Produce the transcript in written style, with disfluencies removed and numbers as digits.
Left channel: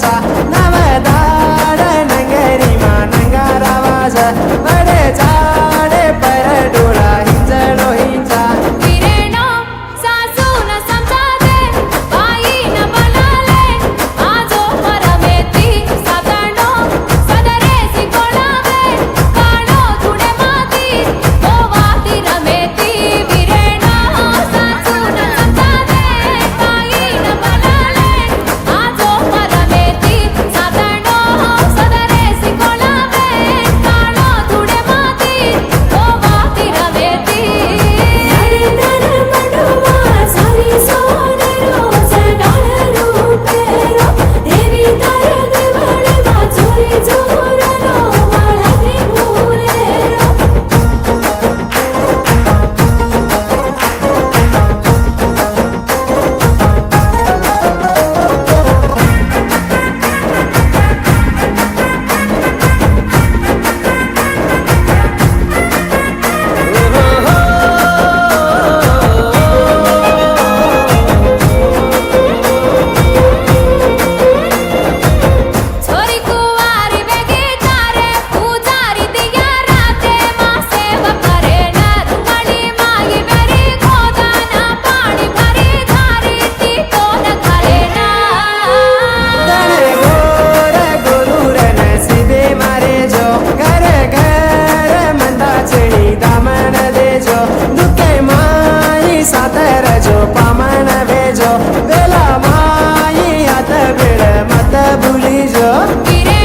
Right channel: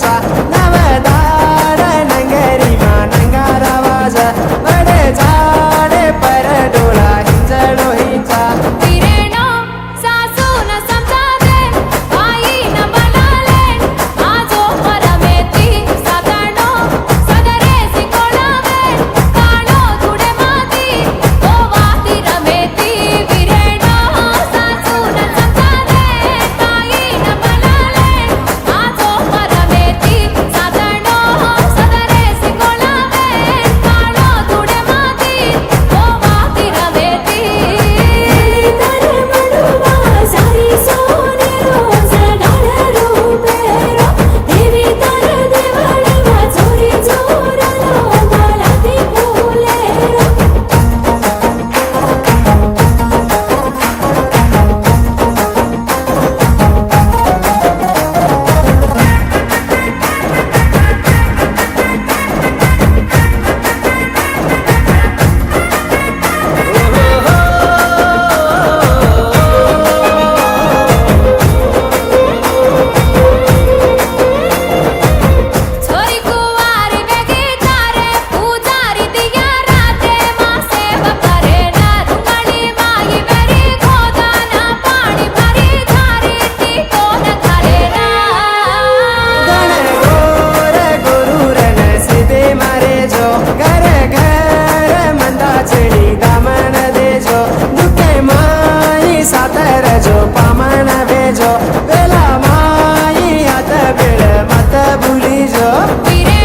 चा नवदार नंगरी मा नंगारा वाज बडे झाडे पर डोळा हिंजळो हिंचा वीरेनो सासून समजादे बाईन बनाले आजो परमेती सातानो सदरे सिकोळावे काळो थुडे माती गोवाती रमेती वीरेनो सासून समजादे बाईन बनाले आजो परमेती सातानो सदरे सिकोळावे काळो थुडे माती गोवाती रमेती छोरी कुवारी वेगी तारे पुजारी दिया राते मा सेव करे ना रुंगणी माई बेरी खोदाना पाणी भरी झारी ती कोण घाले ना गण गोर गुरुर नसीबे मारे जो घर घर मंदाचणी दामन देजो दुखे माई सातर जो पामन भेजो बेला माई हात बेळ मत भुली जो वीरे